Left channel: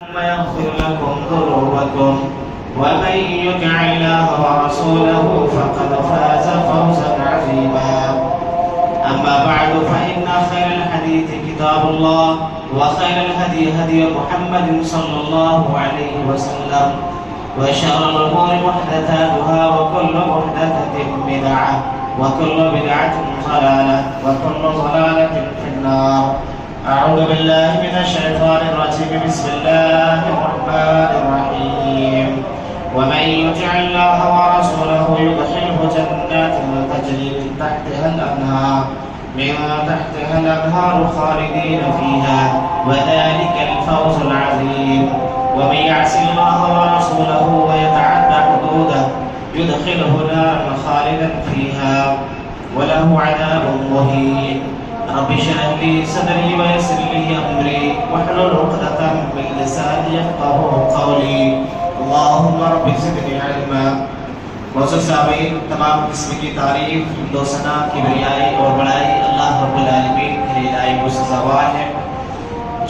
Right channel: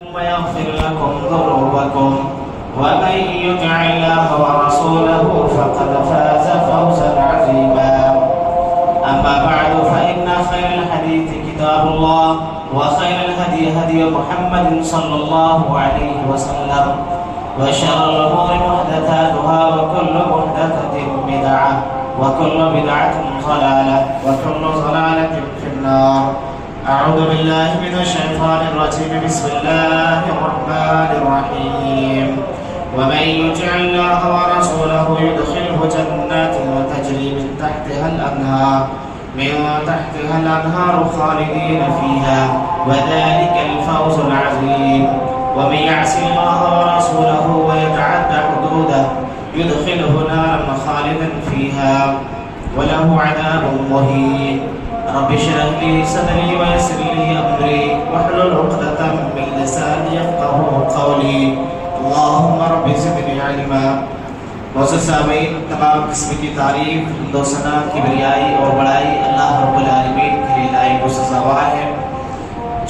ويغفر لكم ذنوبكم ومن يطع الله ورسوله فقد فاز فوزا عظيما. أما بعد فإن خير الحديث كتاب الله وخير الهدي هدي محمد صلى الله عليه وسلم وشر الأمور محدثاتها وكل محدثة بدعة وكل بدعة ضلالة وكل ضلالة في النار. أعوذ بالله من الشيطان الرجيم. بسم الله الرحمن الرحيم. ومن يطع الله ورسوله يدخله جنات تجري من تحتها الأنهار خالدين فيها وذلك الفوز العظيم. ومن يعص الله ورسوله ويتعدى حدوده يدخله نارا خالدا فيها وله عذاب مهين. رب اشرح لي صدري ويسر لي امري واحلل عقدة من لساني يفقهوا قولي. اللهم رب زدني علما. معزز سامعین، تمام قسم کی تعریف، حمد و ثنا، کبریائی اور بڑائی اللہ رب العالمین کے لیے لائق و سزاوار ہے،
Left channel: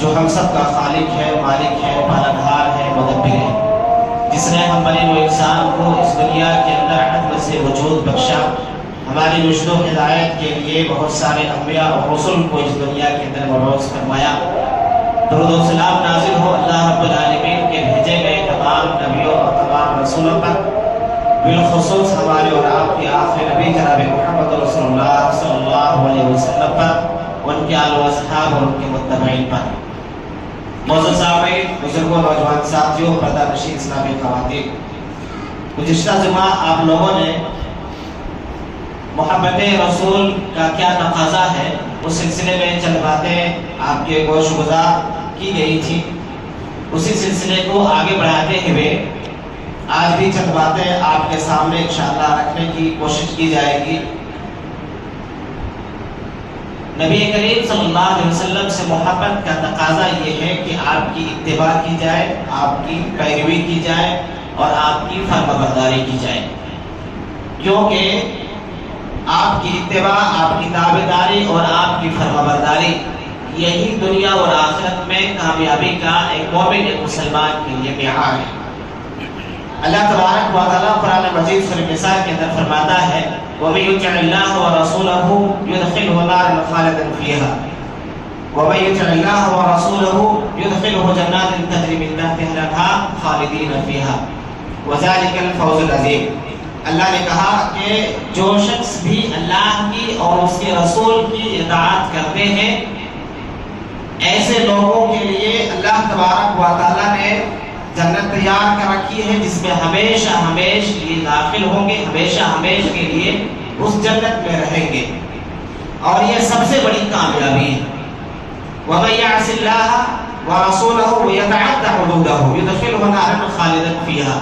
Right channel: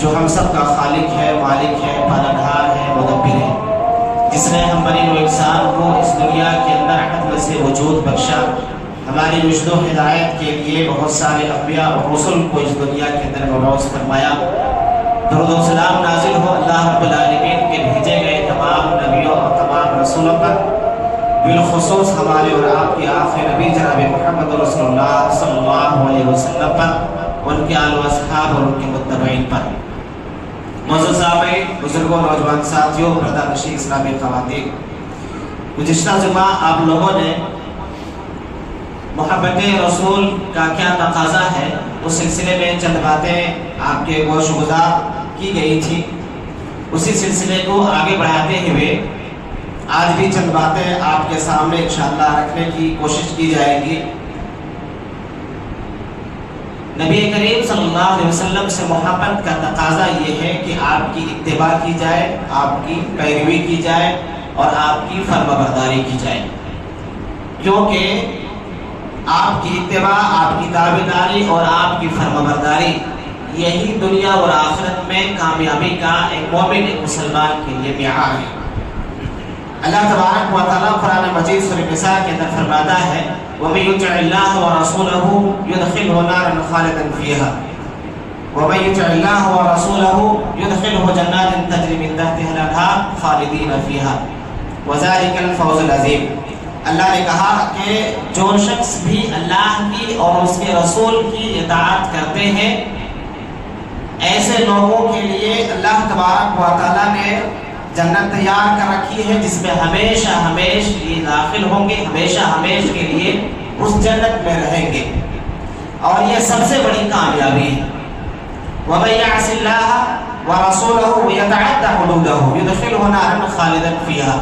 جو ہم سب کا خالق ہے، مالک ہے، پالنہار ہے، مدبر ہے، جس نے ہم بنی و انسان کو اس دنیا کے اندر عدل سے وجود بخشا، ہماری رشد و ہدایت کے لیے بہت سارے انبیاء اور رسول کو اس دنیا کے اندر مبعوث فرمایا۔ درود و سلام نازل ہو اللہ رب العالمین کے بھیجے گئے تمام نبیوں اور تمام رسولوں پر، بالخصوص ہمارے اور آپ کے آخری نبی جناب محمد رسول اللہ صلی اللہ علیہ وسلم پر، ان کے آل و اصحاب اور ان کے متبعین پر۔ معزز سامعین، بزرگوں، نوجوان ساتھیوں، پردہ نشین اسلامی خواتین، گزشتہ جمعہ آپ لوگوں نے محبت رسول کا کیا تقاضا ہے اس سلسلے میں چند باتیں آپ کے گوش گزار کی گئی تھی۔ اسی سلسلے کو آگے بڑھاتے ہوئے آج بھی چند باتیں آپ کے سامنے انشاءاللہ رکھنے کی کوشش کی جائے گی۔ نبی کریم صلی اللہ علیہ وسلم سے محبت کا تقاضا یہ ہے کہ آپ کی اتباع کی جائے، آپ کی پیروی کی جائے اور آپ کی فرمانبرداری کی جائے، کیونکہ آپ کی اتباع، آپ کی تابعداری اور آپ کی فرمانبرداری یہی دنیا اور آخرت میں کامیابی کا ایک مومن، ایک مسلمان کے لیے معیار ہے۔ اللہ تبارک و تعالیٰ قرآن مجید سورۃ النساء کے اندر فرماتا ہے وَمَن يُطِعِ اللَّهَ وَرَسُولَهُ يُدْخِلْهُ نَارًا خَالِدًا فِيهَا وَمَن يُطِعِ اللَّهَ وَرَسُولَهُ يُدْخِلْهُ جَنَّاتٍ تَجْرِي مِن تَحْتِهَا الْأَنْهَارُ خَالِدِينَ فِيهَا وَذَلِكَ الْفَوْزُ الْعَظِيمُ۔ اللہ نے کہا کہ جو شخص بھی اللہ کی اور اس کے رسول کی اطاعت کرتے ہیں، ایسے لوگوں کے لیے اللہ تبارک و تعالیٰ نے جنت تیار کر رکھی ہے، جس میں ہمیشہ ہمیش کے لیے داخل ہوں گے، ہمیشہ ہمیش کے لیے اس جنت میں رہیں گے، اور یہ سب سے بڑی کامیابی ہے۔ وَمَن يَعْصِ اللَّهَ وَرَسُولَهُ وَيَتَعَدَّ حُدُودَهُ يُدْخِلْهُ نَارًا خَالِدًا فِيهَا۔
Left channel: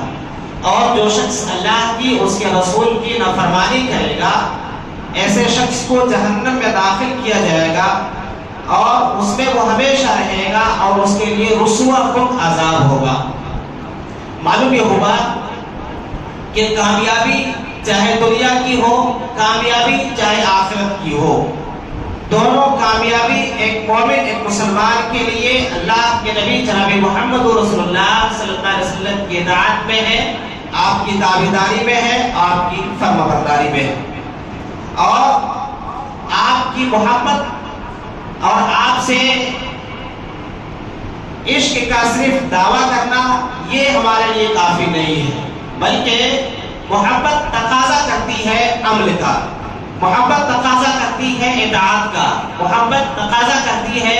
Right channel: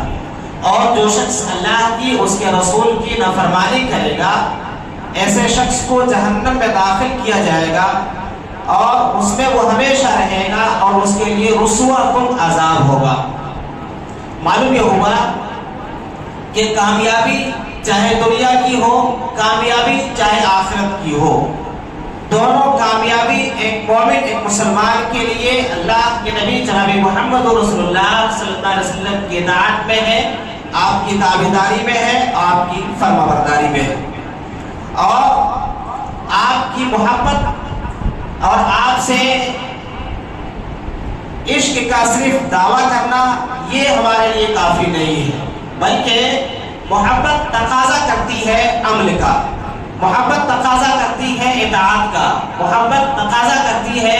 اور جو شخص اللہ کی، اس کے رسول کی نافرمانی کرے گا، ایسے شخص کو جہنم میں داخل کیا جائے گا اور اس میں وہ ہمیشہ رہے گا اور اس کے لیے رسوا کن عذاب ہوگا۔ معلوم یہ ہوگا کہ کامیابی چاہے دنیا کی ہو، کامیابی چاہے آخرت کی ہو، دونوں کامیابی ایک مومن، ایک مسلمان کے لیے اللہ کے نبی جناب محمد رسول اللہ صلی اللہ علیہ وسلم کی اطاعت میں ہے، آپ کی تابعداری میں ہے، آپ کی فرمانبرداری میں ہے، اور آپ کی محبت اور آپ سے عشق کا صرف دعویٰ کرنا یہ ہمارے لیے کافی نہیں ہے، بلکہ محبت تقاضا کرتی ہے عمل کا، محبت تقاضا کرتی ہے اطاعت کا، محبت تقاضا کرتی ہے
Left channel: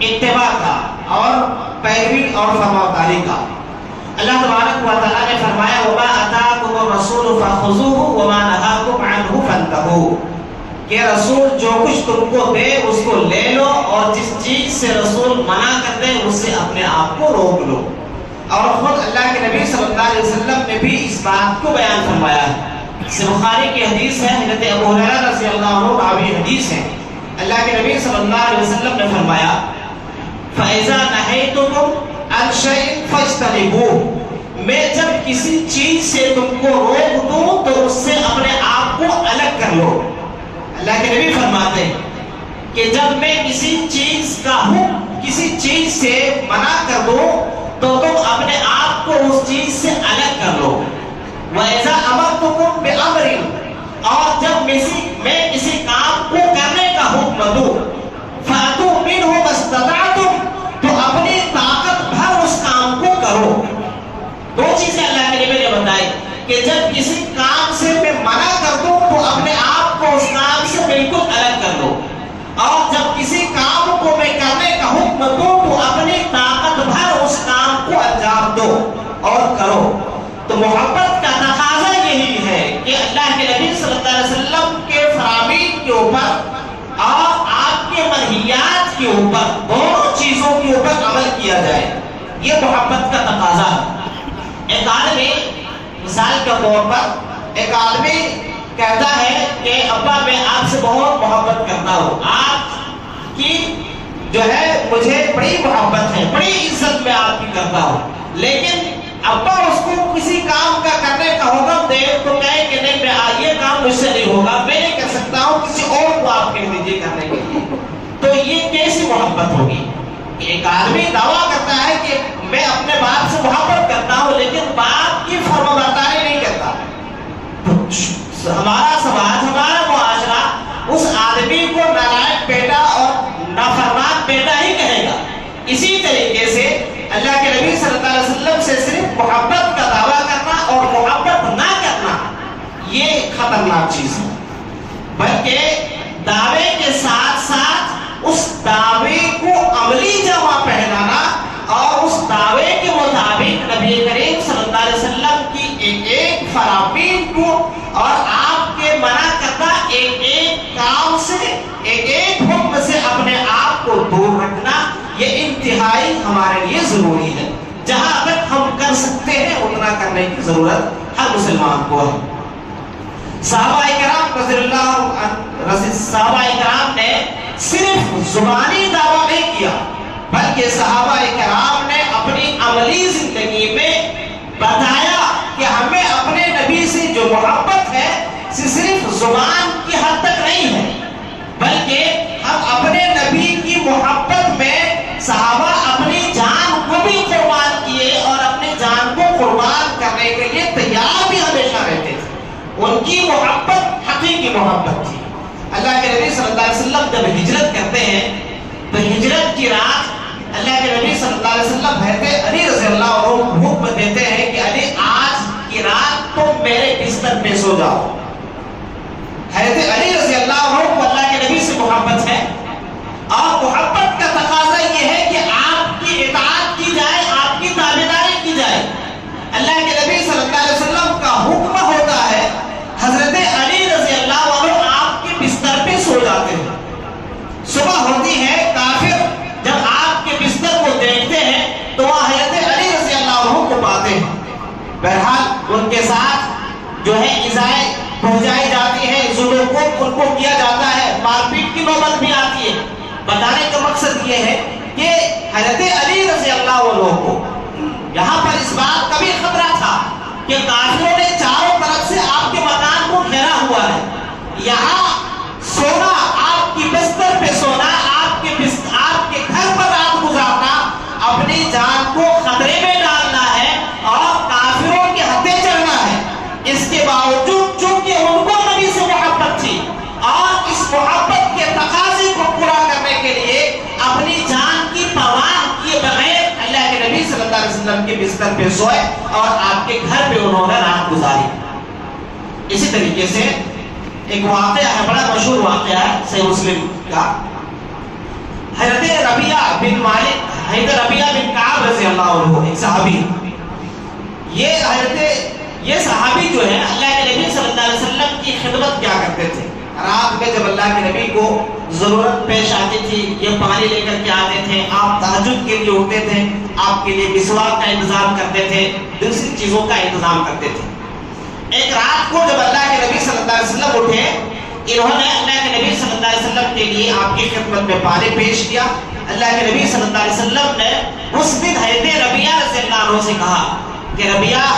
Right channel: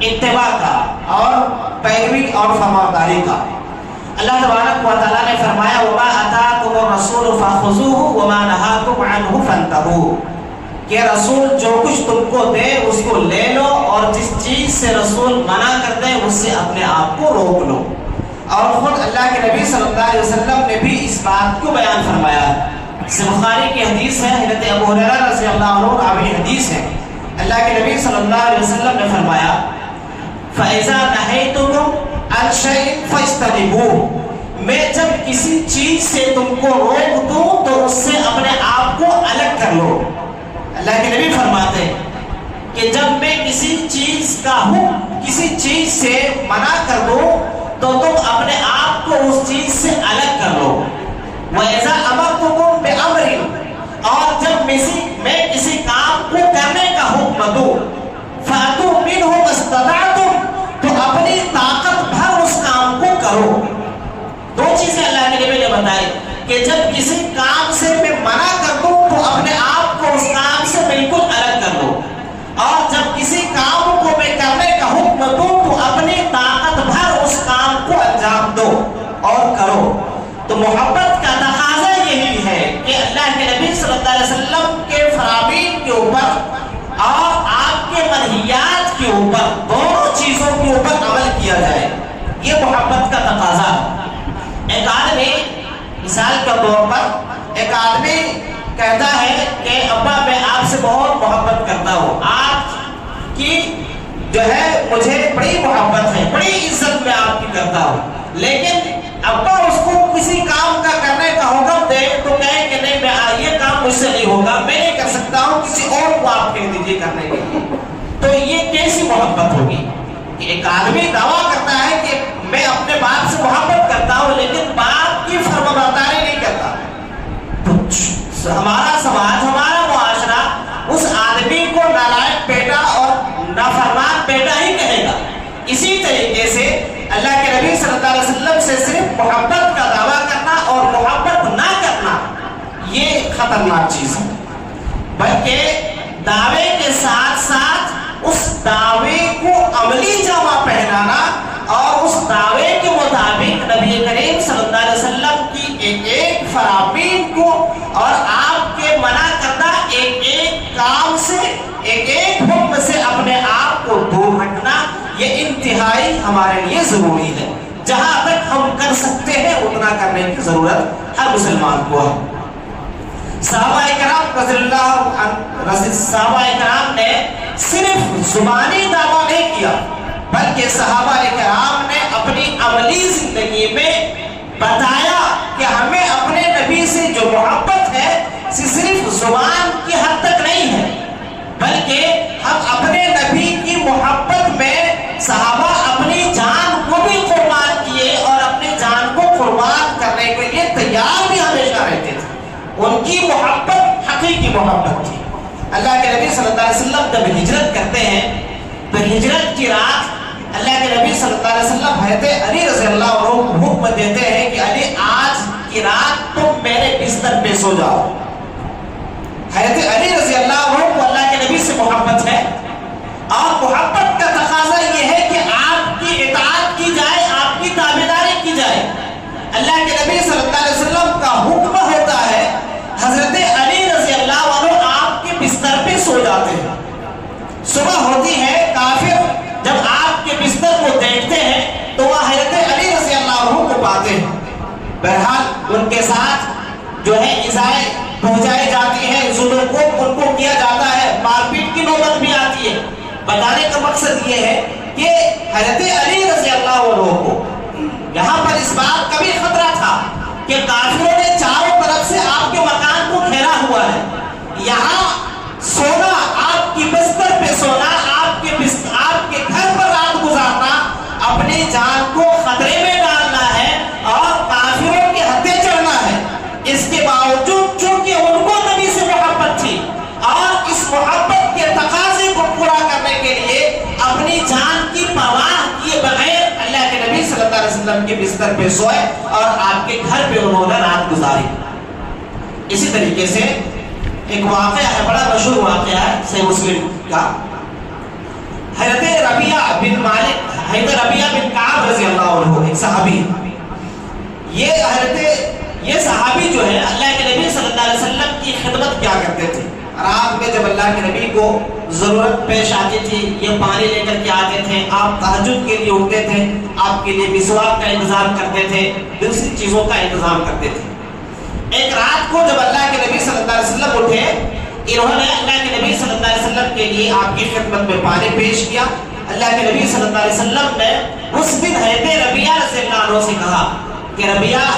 اتباع کا اور پیروی اور فرمانبرداری کا۔ اللہ تبارک و تعالیٰ نے فرمایا وَمَا أَتَاكُمُ الرَّسُولُ فَخُذُوهُ وَمَا نَهَاكُمْ عَنْهُ فَانْتَهُوا، کہ رسول جو کچھ تم کو دے اس کو لے لو، اور جس چیز سے رسول منع کر دے اس سے اپنے آپ کو روک لو۔ اور خود اللہ کے نبی صلی اللہ علیہ وسلم نے بھی اس بات کو بیان فرمایا ہے۔ اس بخاری کی حدیث ہے، حضرت ابو ہریرہ رضی اللہ عنہ راوی حدیث ہے، اللہ کے نبی صلی اللہ علیہ وسلم نے فرمایا فَإِذَا نَهَيْتُكُمْ عَنْ شَيْءٍ فَاجْتَنِبُوهُ، میں جب کسی چیز سے تم کو روک دوں تو اس سے اپنے آپ کو الگ کر لو۔ اللہ کے نبی فرماتے ہیں کہ جب میں کسی چیز کا ہوں، کسی چیز سے منع کر دوں تو تم اپنے آپ کو اس چیز سے الگ کر لو. وَإِذَا أَمَرْتُكُمْ بِأَمْرٍ، اور جب میں کسی کام کو کرنے کا حکم دوں، فَأْتُوا مِنْهُ مَا اسْتَطَعْتُمْ، تو اپنی طاقت بھر اس کام کو کرو. دو چیزیں اللہ کے نبی نے بتائی کہ جب کسی کام سے میں منع کر دوں تو اپنے آپ کو اس کام سے بالکل الگ کر لو، اور جب کسی کام کو میں کرنے کا حکم دوں تو اپنی طاقت بھر اس کام کو انجام دو اور کرو. تو محبت کا تقاضا یہی ہے کہ اللہ کے نبی صلی اللہ علیہ وسلم کے فرامین کے اوپر اور آپ کے منہیات کے اوپر، دونوں چیزوں کے اوپر عمل کیا جائے. یہ محبت کا تقاضا. ایک آدمی مثال کے طور پر ایک آدمی کہتا ہے کہ ابا میں آپ سے بہت محبت کرتا ہوں، آپ کی جو ہے مجھے بڑی محبت ہے، بڑی عزت میں آپ کی کرتا ہوں، لیکن ابا اس کو کسی کام کا کرنے کا حکم دے تو کہے کہ نہیں، میں یہ کام مجھ سے نہیں ہوگا، میں نہیں کر سکتا ہوں، کسی اور کو آپ کہہ دیجیے کرنے کے لیے. تو یہ کیسی محبت ہوگی؟ ایک آدمی دعویٰ کرتا ہے کہ میں اپنے باپ سے محبت کرتا ہوں لیکن باپ کی فرمانبرداری نہیں کرتا. تو ہمارا سماج، ہمارا معاشرہ اس آدمی کو نالائق بیٹا اور نافرمان بیٹا ہی کہے گا. اسی طریقے سے اللہ کے نبی صلی اللہ علیہ وسلم سے صرف محبت کا دعویٰ کرنا اور محبت نہ کرنا یہ خطرناک چیز ہے، بلکہ دعوے کے ساتھ ساتھ اس دعوے کو عملی جامہ پہنانا اور اس دعوے کے مطابق نبی کریم صلی اللہ علیہ وسلم کی ایک ایک فرامین کو اور آپ کے منع کردہ ایک ایک کام سے، ایک ایک حکم سے اپنے آپ کو دور رکھنا، یہ انتہائی ہمارے لیے ضروری ہے. جہاں تک ہم کر سکتے ہیں اتنا کرنے کی ضرورت ہر مسلمان کو ہے. صحابہ کرام رضی اللہ عنہ، صحابہ کرام نے صرف زبانی دعویٰ نہیں کیا بلکہ صحابہ کرام نے اپنی عملی زندگی میں بتایا کہ ہمیں اپنے نبی سے جو محبت ہے صرف زبان کی حد تک نہیں ہے، بلکہ ہم اپنے نبی کی محبت میں صحابہ اپنی جان کو بھی قربان کیے اور اپنی جان کو قربان کرنے کے لیے تیار بھی ہمیشہ رہتے تھے. ان کی محبت حقیقی محبت تھی. اللہ کے نبی صلی اللہ علیہ وسلم جب ہجرت کرتے ہیں تو ہجرت کی رات اللہ کے نبی صلی اللہ علیہ وسلم حضرت علی رضی اللہ عنہ حکم دیتے ہیں کہ علی آج کی رات تم میرے بستر پہ سو جاؤ. حضرت علی رضی اللہ عنہ کو اللہ کے نبی سے محبت ہے اور محبت کا تقاضا یہ ہے کہ آپ کی اطاعت کی جائے، آپ کی تابعداری کی جائے. اللہ کے نبی صلی اللہ علیہ وسلم کا حکم ہوتا ہے، حضرت علی رضی اللہ عنہ آپ کے بستر پہ سو جاتے ہیں. صبح ہوتی ہے، کافر جب آپ کے بستر کو دیکھتے ہیں تو وہ حضرت علی رضی اللہ عنہ کو پاتے ہیں. بہرحال ان کے ساتھ جو ہے ایذائیں پہنچائی جاتی ہے، ظلم کو ان کو کیا جاتا ہے، مار پیٹ کی نوبت بھی آتی ہے. بتانے کا مقصد یہ ہے کہ حضرت علی رضی اللہ عنہ کو یہاں پر اس بات کا بھی خطرہ تھا کہ کافروں نے چاروں طرف سے آپ کے مکان کو گھیرا ہوا ہے. یہاں سونا، آپ کی بستر پہ سونا، آپ کے گھر پر رات گزارنا اپنی جان کو خطرے میں ڈالنا ہے اور کافروں کے ہتھے چڑھنا ہے. اس کے باوجود چونکہ ان کو نبی سے محبت تھی اور اس محبت کے تقاضے کو پورا کرنے کے لیے اپنی جان کی پرواہ کیے بغیر اللہ کے نبی صلی اللہ علیہ وسلم کے بستر پہ سوئے اور آپ کے گھر پہ انہوں نے رات گزاری. اسی طریقے سے ایک واقعہ ہے، بڑا مشہور واقعہ ہے صحیح مسلم کا. حضرت ربیعہ بن مالک، حضرت ربیعہ بن کعب رضی اللہ عنہ، ایک صحابی. یہ صحابی جو ہے اللہ کے نبی صلی اللہ علیہ وسلم کی خدمت کیا کرتے تھے. رات میں جب اللہ کے نبی کو ضرورت پیش آتی تھی، یہ پانی لے کر کے آتے تھے، آپ تہجد کے لیے اٹھتے تھے، آپ کے لیے مسواک کا انتظام کرتے تھے، دوسری چیزوں کا انتظام کرتے تھے. ایک رات کو جب اللہ کے نبی صلی اللہ علیہ وسلم اٹھے، انہوں نے اللہ کے نبی صلی اللہ علیہ وسلم کے لیے آپ کی خدمت میں پانی پیش کیا. اللہ کے نبی صلی اللہ علیہ وسلم نے اس دن حضرت ربیعہ رضی اللہ عنہ سے کہا کہ ربیعہ،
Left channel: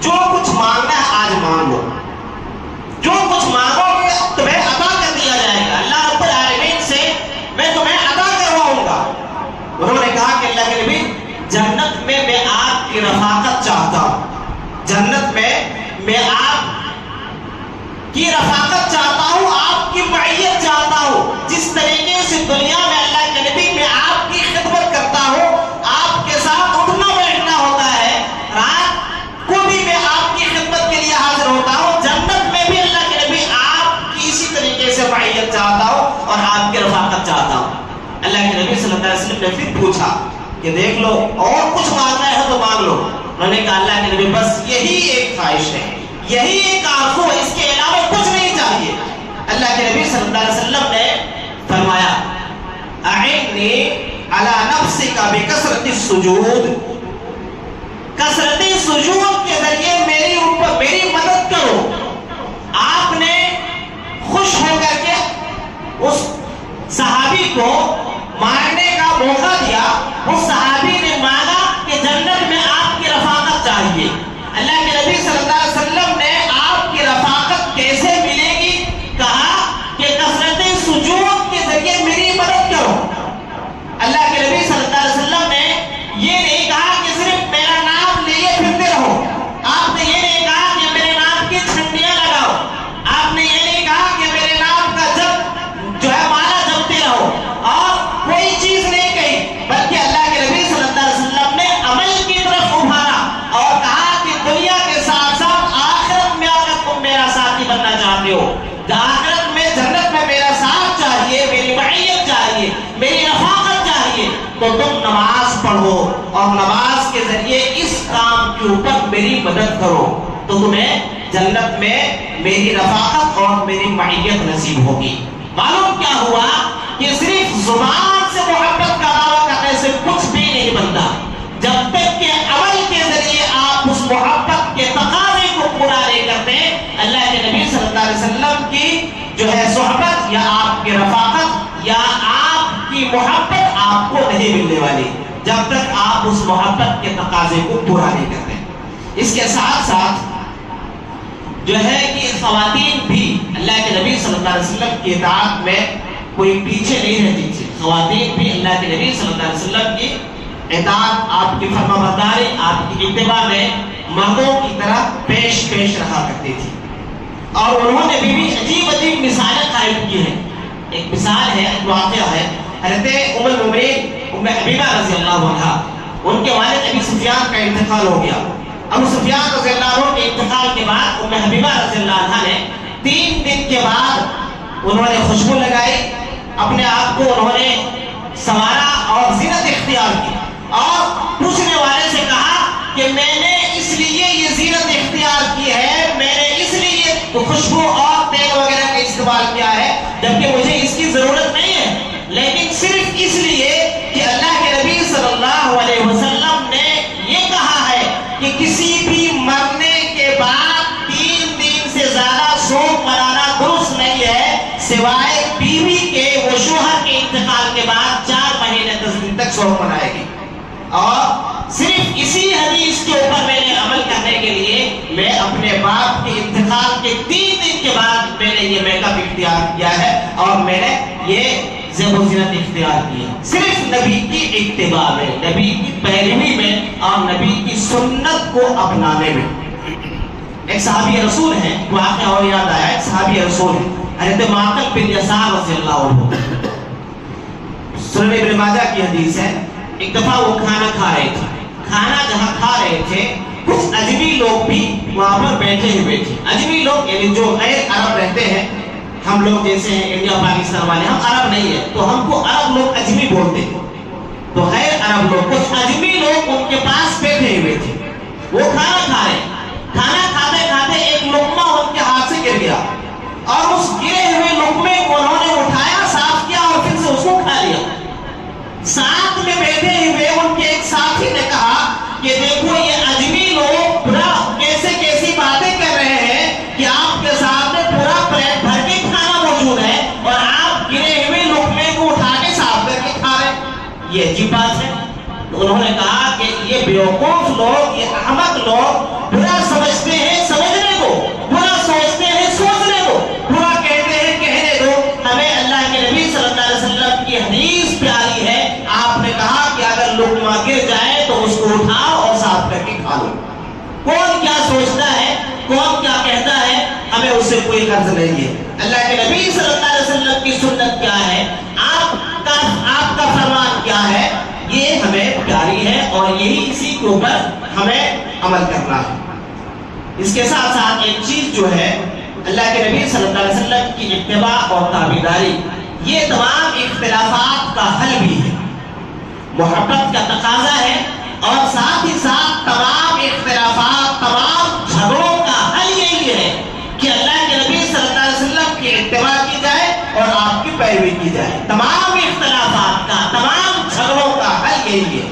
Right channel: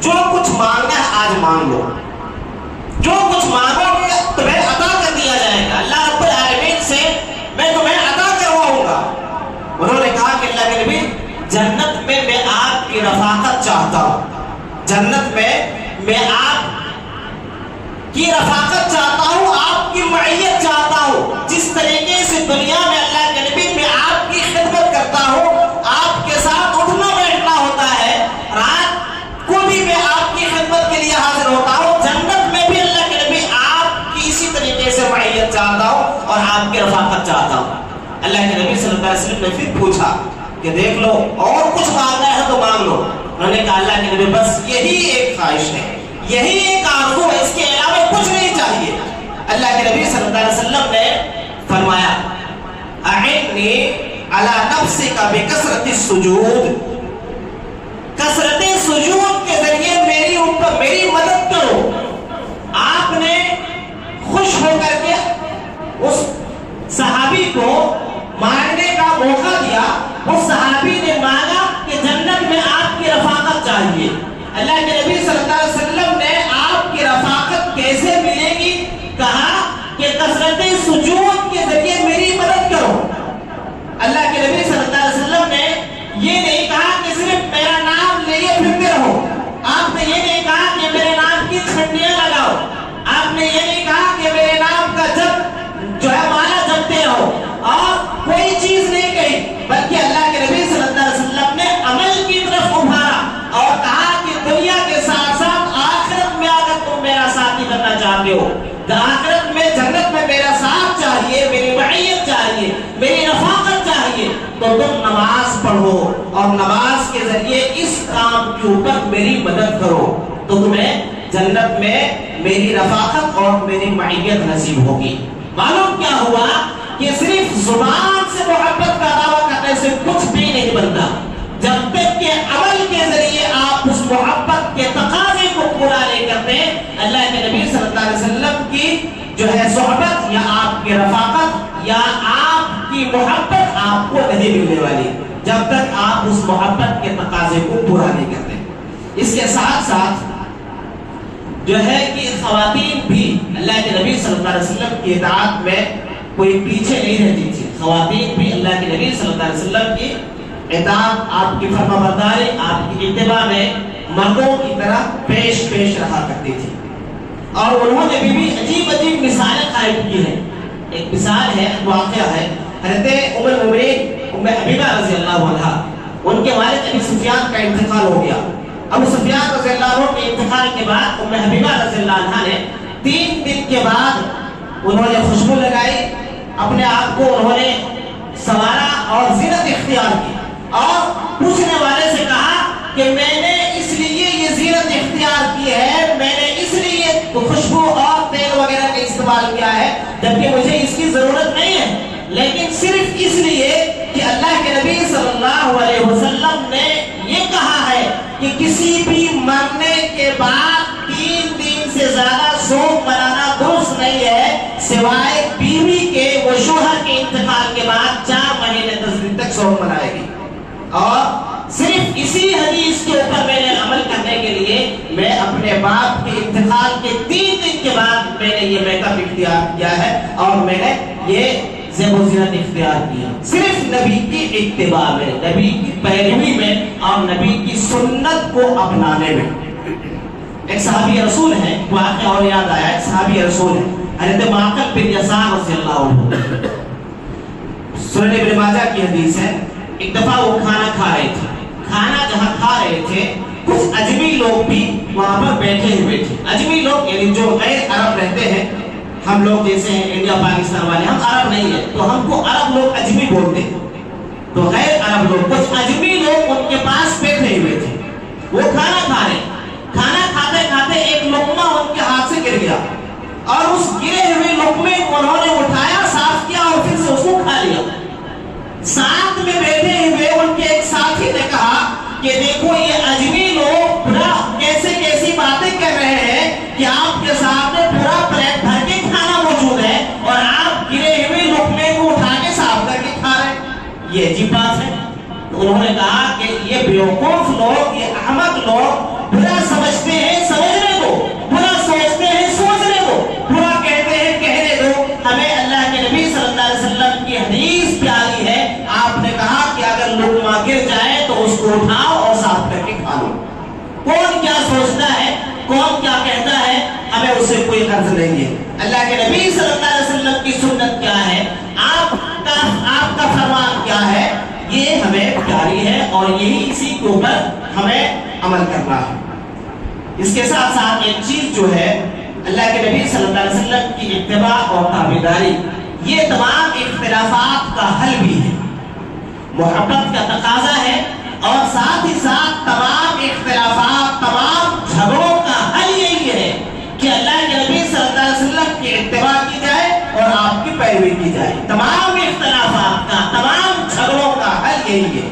جو کچھ مانگنا ہے آج مانگ لو، جو کچھ مانگو گے تمہیں عطا کر دیا جائے گا، اللہ رب العالمین سے میں تمہیں عطا کرواؤں گا. انہوں نے کہا کہ اللہ کے نبی جنت میں آپ کی رفاقت چاہتا ہوں، جنت میں آپ کی رفاقت چاہتا ہوں، آپ کی معیت چاہتا ہوں۔ جس طریقے سے دنیا میں اللہ کے نبی میں آپ کی خدمت کرتا ہوں، آپ کے ساتھ اٹھنا بیٹھنا ہوتا ہے، رات کو بھی میں آپ کی خدمت کے لیے حاضر ہوتا ہوں، جنت میں بھی اللہ کے نبی آپ کی اسی طریقے سے معیت چاہتا ہوں اور آپ کی رفاقت چاہتا ہوں۔ اللہ کے نبی صلی اللہ علیہ وسلم نے پھر پوچھا کہ دیکھ لو اور کچھ مانگنا ہے تو مانگ لو۔ انہوں نے کہا اللہ کے نبی بس یہی ایک خواہش ہے، یہی ایک آرزو ہے، اس کے علاوہ کچھ نہیں چاہیے۔ اللہ کے نبی صلی اللہ علیہ وسلم نے فرمایا اعنی علی نفسک بکثرۃ السجود، کثرت سجود کے ذریعے میری مدد کرو۔ آپ نے خوش ہو کر کے اس صحابی کو مانگنے کا موقع دیا، اس صحابی نے مانگا کہ جنت میں آپ کی رفاقت چاہیے۔ اللہ کے نبی صلی اللہ علیہ وسلم نے آپ کی رفاقت کیسے ملے گی کہا کہ کثرت سجود کے ذریعے میری مدد کرو۔ اللہ کے نبی صلی اللہ علیہ وسلم نے یہ نہیں کہا کہ صرف میرا نام لیے پھرتے رہو، آپ نے یہ نہیں کہا کہ میرے نام کی چھنڈیاں لگاؤ، آپ نے یہ نہیں کہا کہ میرے نام کا جو ہے مالا جپتے رہو اور کوئی چیز نہیں کہی، بلکہ اللہ کے نبی صلی اللہ علیہ وسلم نے عمل کی طرف ابھارا اور کہا کہ دنیا کے ساتھ ساتھ آخرت میں اگر تم میرا ساتھی بننا چاہتے ہو، آخرت میں جنت میں میرا ساتھ چاہیے، میری معیت چاہیے، میری رفاقت چاہیے، تو تم نماز پڑھو اور نماز کے ذریعے اس کام کے اوپر میری مدد کرو، تو تمہیں جنت میں میری رفاقت اور میری معیت نصیب ہوگی۔ معلوم کیا ہوا کہ صرف زبان سے محبت کا دعویٰ کرنے سے کچھ بھی نہیں بنتا، جب تک کہ عمل کے ذریعے آپ اس محبت کے تقاضے کو پورا نہیں کرتے، اللہ کے نبی صلی اللہ علیہ وسلم کی جو ہے صحبت یا آپ کی رفاقت یا آپ کی محبت آپ کو نہیں ملنے والی، جب تک آپ اس محبت کے تقاضے کو پورا نہیں کرتے۔ اس کے ساتھ ساتھ جو ہے کہ خواتین بھی اللہ کے نبی صلی اللہ علیہ وسلم کی اطاعت میں کوئی پیچھے نہیں رہتی تھی، خواتین بھی اللہ کے نبی صلی اللہ علیہ وسلم کی اطاعت، آپ کی فرما برداری، آپ کی اتباع میں مردوں کی طرح پیش رہا کرتی تھی، اور انہوں نے بھی عجیب مثالیں قائم کی ہیں۔ ایک مثال ہے، ایک واقعہ ہے، حضرت ام المؤمنین ام حبیبہ رضی اللہ عنہا، ان کے والد ابی سفیان کا انتقال ہو گیا۔ ابو سفیان رضی اللہ عنہ کے انتقال کے بعد ام حبیبہ رضی اللہ عنہا نے 3 دن کے بعد انہوں نے خوشبو لگائی، اپنے آپ کو انہوں نے سنوارا اور زینت اختیار کی، اور پوچھنے والے سے کہا کہ میں نے اس لیے یہ زینت اختیار کی ہے، میں نے اس لیے خوشبو اور تیل وغیرہ کا استعمال کیا ہے، جبکہ مجھے اس کی ضرورت نہیں ہے، لیکن صرف اس لیے کہ اللہ کے نبی صلی اللہ علیہ وسلم نے یہ کہا ہے کہ کسی بھی مرنے کے بعد 3 دن سے زیادہ سوگ منانا درست نہیں ہے، سوائے بیوی کے، وہ شوہر کے انتقال کے بعد 4 مہینے 10 دن تک سوگ منائے گی، اور صرف اسی حدیث کے اوپر میں نے عمل کرنے کے لیے میں اپنے باپ کے انتقال کے 3 دن کے بعد میں نے یہ میک اپ اختیار کیا ہے اور میں نے یہ زیب و زینت اختیار کی ہے، صرف نبی کی اتباع میں، نبی کی پیروی میں اور نبی کی سنت کو اپنانے میں۔ ایک صحابی رسول ہے، واقعہ اور یاد آیا، ایک صحابی رسول ہے حضرت معقل بن یسار رضی اللہ عنہ، سنن ابن ماجہ کی حدیث ہے۔ ایک دفعہ وہ کھانا کھا رہے تھے، کھانا جہاں کھا رہے تھے کچھ اجمی لوگ بھی وہاں پر بیٹھے ہوئے تھے۔ اجمی لوگ یعنی جو غیر عرب رہتے ہیں، ہم لوگ جیسے ہیں انڈیا پاکستان والے، ہم عرب نہیں ہیں تو ہم کو عرب لوگ اجمی بولتے ہیں، تو غیر عرب لوگ، کچھ اجمی لوگ ان کے پاس بیٹھے ہوئے تھے، وہ کھانا کھا رہے، کھانا کھاتے کھاتے ایک لقمہ ان کے ہاتھ سے گر گیا، اور اس گرے ہوئے لقمے کو انہوں نے اٹھایا، صاف کیا اور پھر سے اس کو کھا لیا۔ ساتھ میں بیٹھے ہوئے ان کے ایک ساتھی نے کہا کہ دیکھو یہ اجمی لوگ کیسی باتیں کر رہے ہیں کہ آپ کے سامنے پورا پلیٹ بھر کے کھانا موجود ہے اور آپ گرے ہوئے لقمے کو اٹھا کے صاف کر کے کھا رہے ہیں، یہ عجیب بات ہے۔ تو انہوں نے کہا کہ یہ بیوقوف لوگ، یہ احمق لوگ برا سمجھتے ہیں سمجھنے کو، برا سوچتے ہیں سوچنے کو، برا کہتے ہیں کہنے دو، ہمیں اللہ کے نبی صلی اللہ علیہ وسلم کی حدیث پیاری ہے، آپ نے کہا کہ اگر لقمہ گر جائے تو اس کو اٹھاؤ اور صاف کر کے کھا لو. کون کیا سوچتا ہے, کون کیا کہتا ہے, ہمیں اس سے کوئی غرض نہیں ہے. اللہ کے نبی صلی اللہ علیہ وسلم کی سنت کیا ہے, آپ کا فرمان کیا ہے, یہ ہمیں پیاری ہے اور یہی اسی کے اوپر ہمیں عمل کرنا ہے. اس کے ساتھ ساتھ ایک چیز جو ہے, اللہ کے نبی صلی اللہ علیہ وسلم کی اتباع اور تابعداری, یہ تمام اختلافات کا حل بھی ہے, محبت کا تقاضا ہے, اور ساتھ ہی ساتھ تمام اختلافات, تمام جھگڑوں کا حل یہی ہے کہ اللہ کے نبی صلی اللہ علیہ وسلم کی اتباع کی جائے اور آپ کی پیروی کی جائے. تمام اختلافات کا, تمام جھگڑوں کا حل یہی ہے.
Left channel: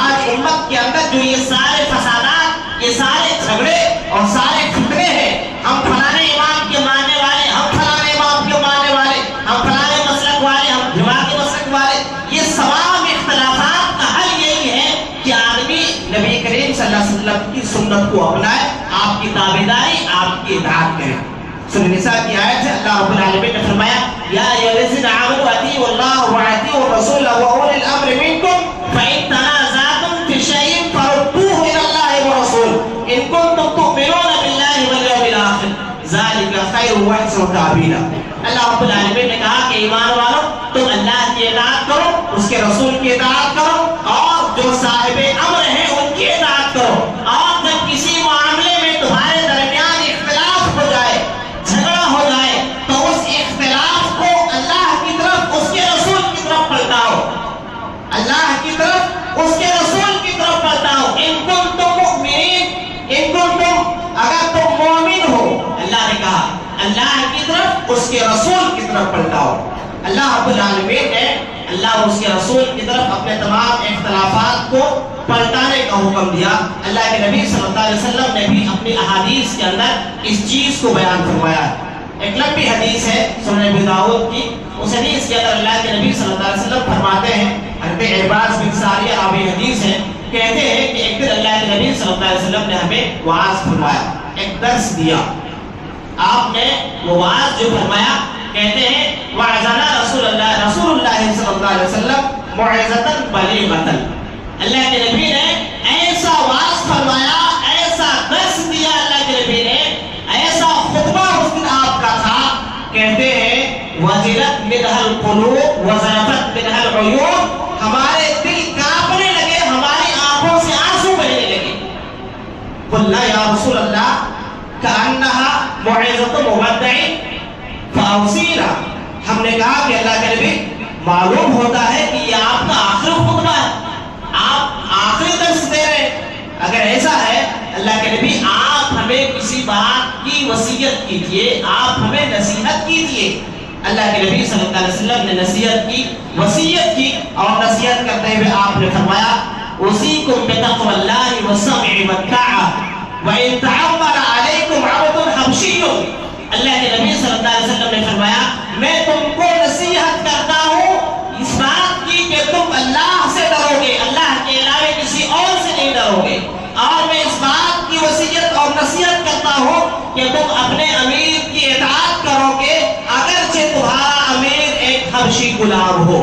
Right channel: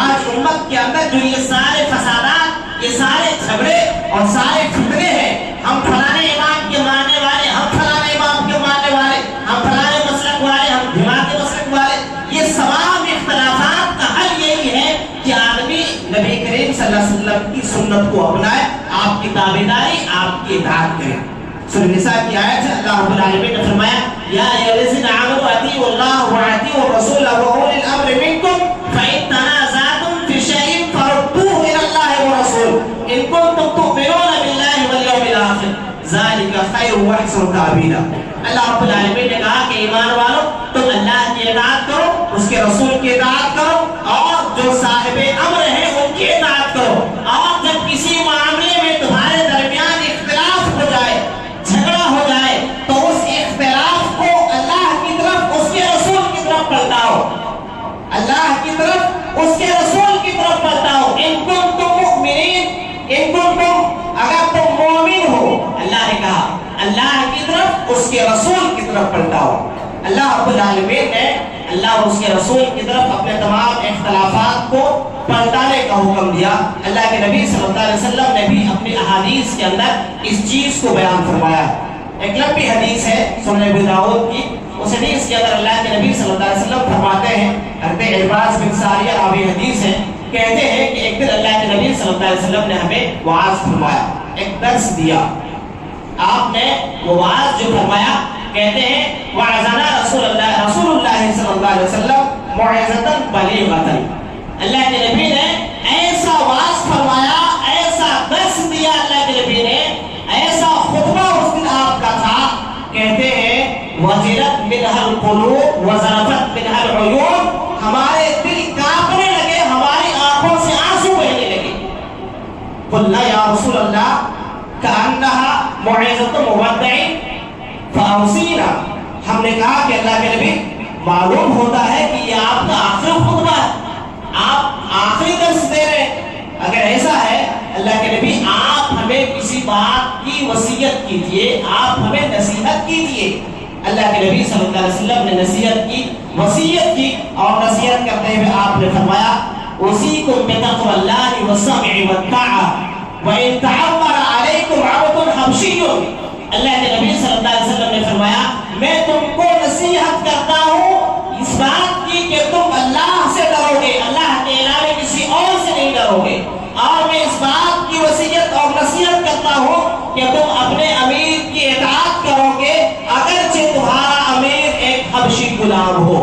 آج امت کے اندر جو یہ سارے فسادات, یہ سارے جھگڑے اور سارے فتنے ہیں, ہم فلانے امام کے ماننے والے, ہم فلانے امام کے ماننے والے, ہم فلانے مسلک والے, ہم دماغی مسلک والے, یہ تمام اختلافات کا حل یہی ہے کہ آدمی نبی کریم صلی اللہ علیہ وسلم کی سنت کو اپنائے, آپ کی تابعداری, آپ کی اطاعت کرے. سورہ نساء کی آیت ہے, اللہ رب العالمین نے فرمایا یا ایھا الذین آمنوا اطیعوا اللہ واطیعوا الرسول واولی الامر منکم فإن تنازعتم فی شیء فردوه الی اللہ والرسول ان کنتم تؤمنون باللہ والیوم الآخر ذلک خیر واحسن تأویلا. اللہ رب العالمین نے کہا کہ ایمان والو, تم اللہ کی اطاعت کرو, اس کے رسول کی اطاعت کرو, اور جو صاحب امر ہیں ان کی اطاعت کرو. اور جب کسی معاملے میں تمہارے درمیان اختلاف ہو جائے, جھگڑا ہو جائے, تو اس اختلاف کو اللہ کی طرف, اس کے رسول کی طرف پلٹاؤ, اللہ کی طرف, اس کے رسول کی طرف پلٹاؤ. ان کنتم مؤمنین, ان کنتم, اگر تم مومن ہو, اللہ نے کہا اللہ کی طرف, اس کے رسول کی طرف پلٹاؤ. اللہ رب العالمین نے اللہ اور اس کے رسول کی طرف اپنے تمام اختلافات کو پلٹانے کا حکم دیا. اللہ کے نبی صلی اللہ علیہ وسلم نے بھی اپنی احادیث کے اندر اس چیز کو بیان فرمایا. ایک لمبی حدیث ہے سنن ابی داؤد کی, اس حدیث کے اندر اللہ کے نبی صلی اللہ علیہ وسلم فرماتے ہیں, حضرت عرباض بن ساریہ راوی حدیث ہے, کہتے ہیں کہ ایک دن اللہ کے نبی صلی اللہ علیہ وسلم نے ہمیں وعظ فرمایا, ایک درس دیا. آپ نے وہ وعظ جو فرمایا, کہتے ہیں وعظنا رسول اللہ صلی اللہ علیہ وسلم موعظۃ بلیغۃ. اللہ کے نبی نے ایسا وعظ فرمایا, ایسا درس دیا اللہ کے نبی نے, ایسا خطبہ اس دن آپ کا تھا, کہتے ہیں وجلت منها القلوب وذرفت منها العیون, ہمارے دل کانپنے لگے, ہماری آنکھوں سے آنسو بہنے لگے. قلنا یا رسول اللہ کأنها موعظۃ مودع فاوصینا, ہم نے کہا کہ اللہ کے نبی معلوم ہوتا ہے کہ یہ آپ کا آخری خطبہ ہے, آپ آخری درس دے رہے ہیں. اگر ایسا ہے اللہ کے نبی, آپ ہمیں کسی بات کی وصیت کیجئے, آپ ہمیں نصیحت کیجئے. اللہ کے نبی صلی اللہ علیہ وسلم نے نصیحت کی, وصیت کی, اور نصیحت کرتے ہوئے آپ نے فرمایا اوصیکم بتقوی اللہ والسمع والطاعہ وان تعمر علیکم عبد حبشی. اللہ کے نبی صلی اللہ علیہ وسلم نے فرمایا میں تم کو نصیحت کرتا ہوں اس بات کی کہ تم اللہ سے ڈرو گے, اللہ کے علاوہ کسی اور سے نہیں ڈرو گے. اور میں اس بات کی وصیت اور نصیحت کرتا ہوں کہ تم اپنے امیر کی اطاعت کرو گے اگرچہ تمہارا امیر ایک حبشی غلام ہو.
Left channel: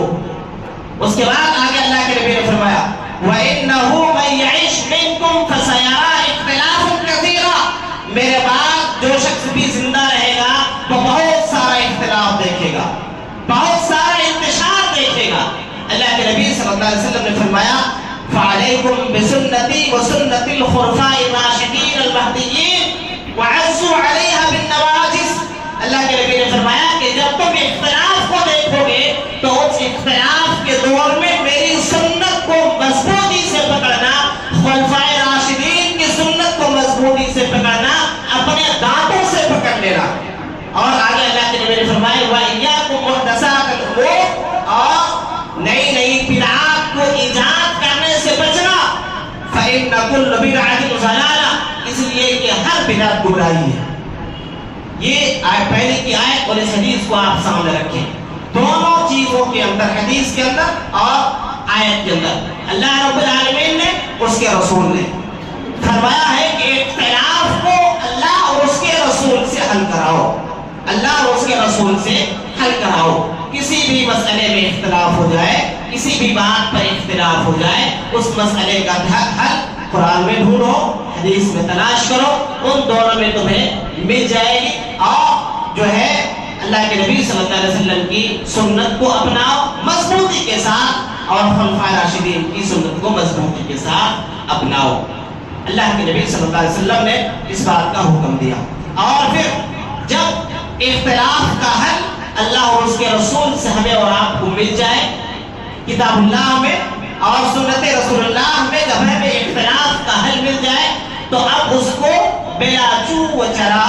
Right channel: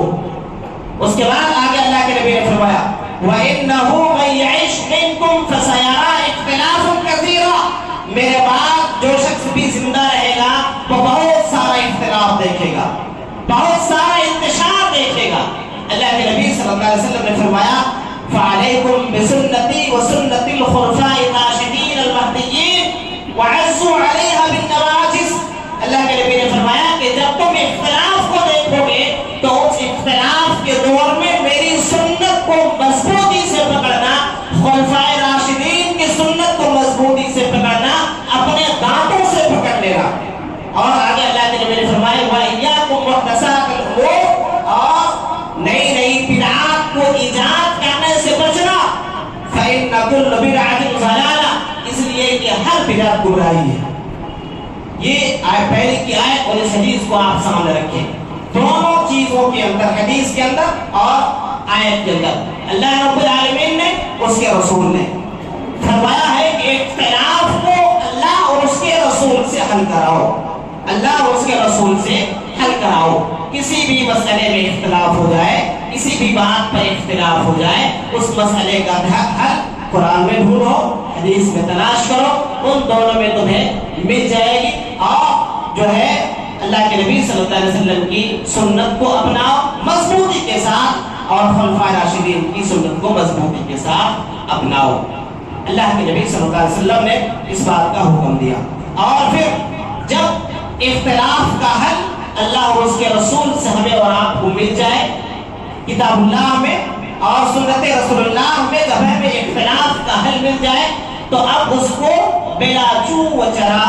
اس کے بعد آگے اللہ کے نبی نے فرمایا وَإِنَّهُ مَن يَعِشْ مِنْكُمْ فَسَيَرَىٰ اخْتِلَافًا كَثِيرًا, میرے بعد جو شخص بھی زندہ رہے گا تو بہت سارا اختلاف دیکھے گا, بہت سارا انتشار دیکھے گا. اللہ کے نبی صلی اللہ علیہ وسلم نے فرمایا فعلیکم بسنتی وسنت الخلفاء الراشدین المہدیین وعضوا علیہا بالنواجذ. اللہ کے نبی نے فرمایا کہ جب تم اختلاف کو دیکھو گے تو اس اختلاف کے دور میں میری سنت کو مضبوطی سے پکڑنا, خلفاء راشدین کی سنت کو مضبوطی سے پکڑنا, اپنے دانتوں سے پکڑ لینا. اور آگے اللہ کے نبی نے فرمایا وَإِيَّاكُمْ مُحْدَثَاتِ الْأُمُورِ, اور نئی نئی بدعات کو ایجاد کرنے سے بچنا. فَإِنَّ كُلَّ بِدْعَةٍ ضَلَالَةٌ, اس لیے کہ ہر بدعت گمراہی ہے. یہ پہلی کی آیت اور اس حدیث کو آپ سامنے رکھیں, دونوں چیزوں کے اندر, حدیث کے اندر اور آیت کے اندر, اللہ رب العالمین نے, اس کے رسول نے فرمایا ہے کہ اختلاف کو اللہ اور اس کے رسول سے حل کراؤ, اللہ اور اس کے رسول سے حل کراؤ. کسی بھی مسئلے میں اختلاف ہو جائے کسی بھی بات پر اختلاف ہو جائے اس مسئلے کا حل قرآن میں ڈھونڈو، حدیث میں تلاش کرو، ان دونوں میں تمہیں مل جائے گی۔ اور جو ہے اللہ کے نبی صلی اللہ علیہ وسلم کی سنت کو اپناؤ مضبوطی کے ساتھ، اور خلفائے راشدین کی سنت کو مضبوطی کے ساتھ اپناؤ۔ اللہ کے نبی صلی اللہ علیہ وسلم نے اس بات کا حکم دیا۔ اور پھر جب اختلاف کا حل اللہ اور اس کے رسول سے ہمیں اور آپ کو مل جائے، کتاب اللہ میں اور سنت رسول اللہ میں جب ہمیں اختلاف کا حل مل جائے تو اب اس کو بلا چو و چرا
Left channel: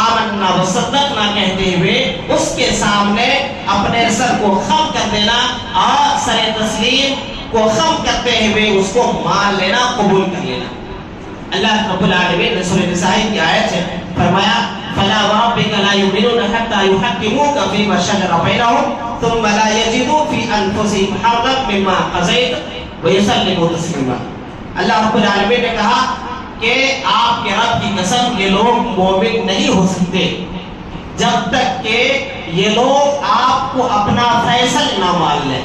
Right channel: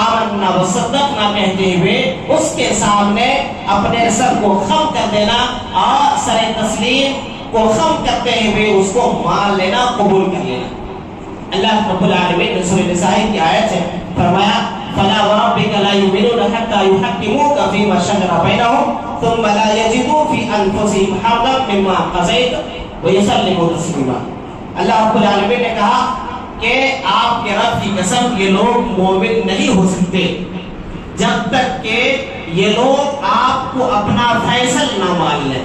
آمنا و صدقنا کہتے ہوئے اس کے سامنے اپنے سر کو خم کر دینا اور سر تسلیم کو خم کرتے ہوئے اس کو مان لینا، قبول کر لینا۔ اللہ رب العالمین نے سورہ نساء کی آیت ہے فرمایا فلا وربک لا یؤمنون حتی یحکموک فیما شجر بینہم ثم لا یجدوا فی انفسہم حرجا مما قضیت ویسلموا تسلیما۔ اللہ رب العالمین نے کہا کہ آپ کے رب کی قسم یہ لوگ مومن نہیں ہو سکتے جب تک کہ یہ لوگ آپ کو اپنا فیصل نہ مان لیں،